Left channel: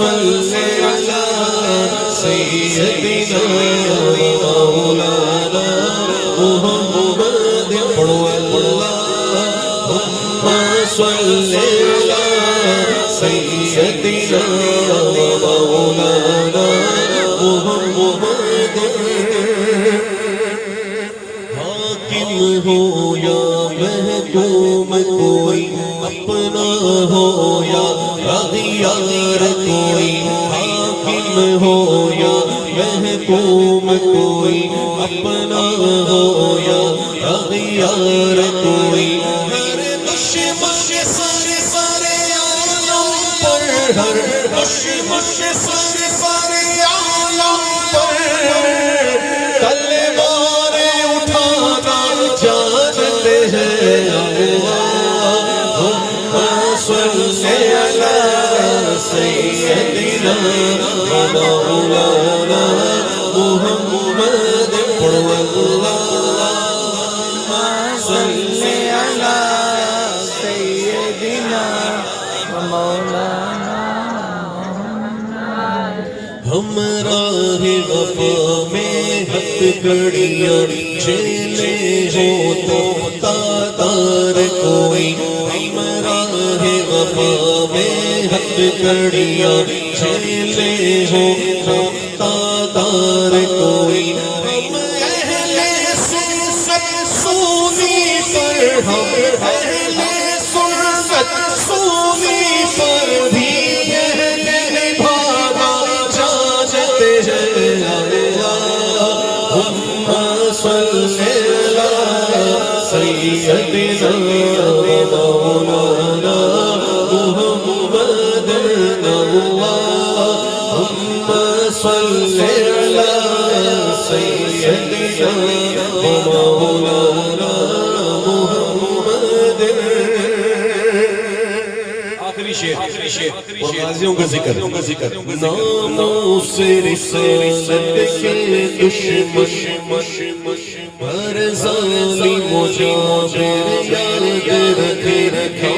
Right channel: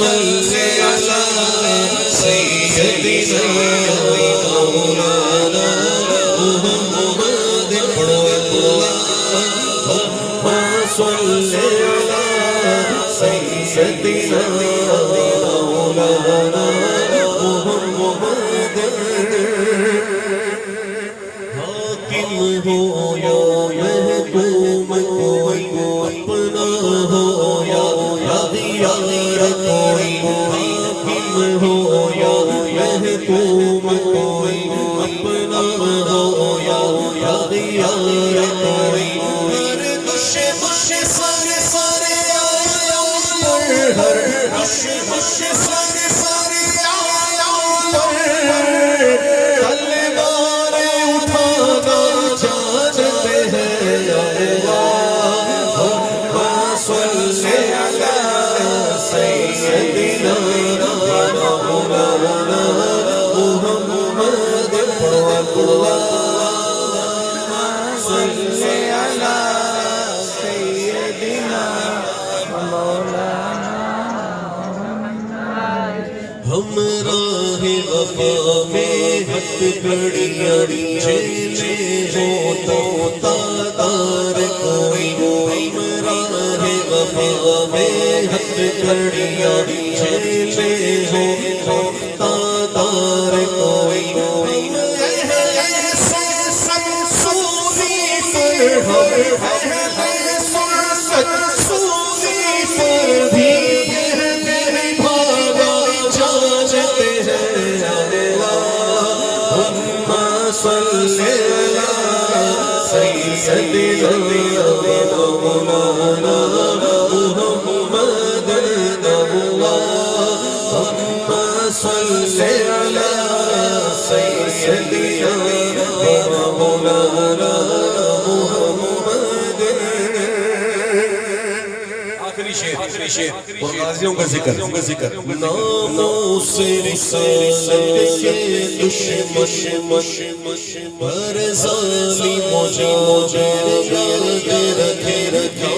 صل على سيدنا مولانا محمد اللهم صل على سيدنا مولانا محمد حاکم ہو یا محکوم کوئی اپنا ہو یا اغیار کوئی حاکم ہو یا محکوم کوئی اپنا ہو یا اغیار کوئی ہر دشمن سارے سارے عالم پر ہر دشمن سارے سارے عالم پر تلواریں اٹھانا جانتے ہیں اللہم صل علی سیدنا مولانا محمد اللہم صل علی سیدنا مولانا ہم راہ وفا میں ہتھ کڑیاں چلے ہو تو تادار کوئی ہم راہ وفا میں ہتھ کڑیاں چلے ہو تو تادار کوئی ہم اہل سے سب سونی پر ہم اہل سنت سونی پر بھی صل علی سیدنا مولانا محمد اللہم صل علی سیدنا مولانا محمد آخری شعر غازیوں کا ذکر ناموں سے رسالت کے دشمن پر ظالم جابر یاد رکھے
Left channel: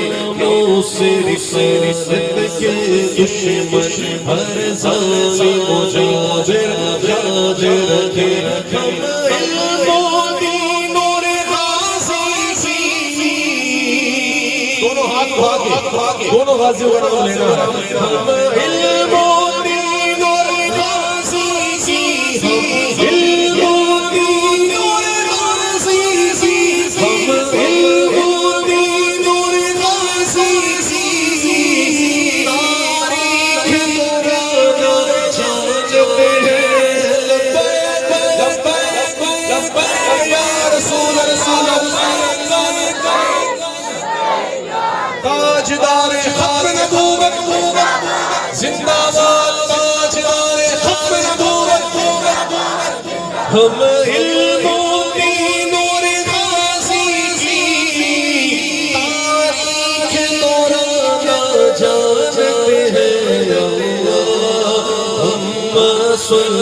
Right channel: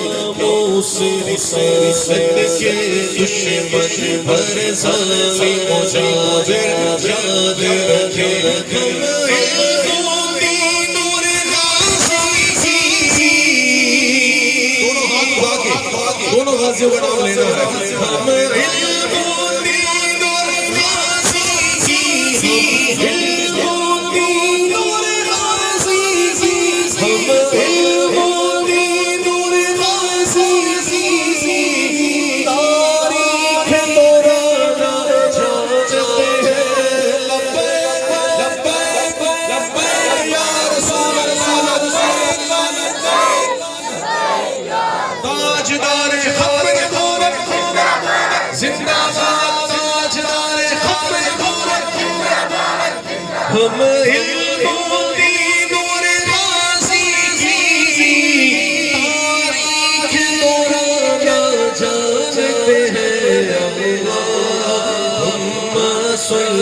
ناموں سے رسالت کے دشمن پر ظالم جابر یاد رکھے ہم علم و دین اور غازی دونوں ہاتھ اٹھا کے دونوں غازیوں کا نام لینا ہے ہم علم و دین اور غازی علم و دین اور غازی ہم علم و دین اور غازی تاریخ دورانا جانتے ہیں لبیک یا رسول اللہ تاجدار ختم نبوت زندہ باد تاجدار ختم نبوت ہم علم و دین اور غازی کی تاریخ دورانا جانتے ہیں اللہم صل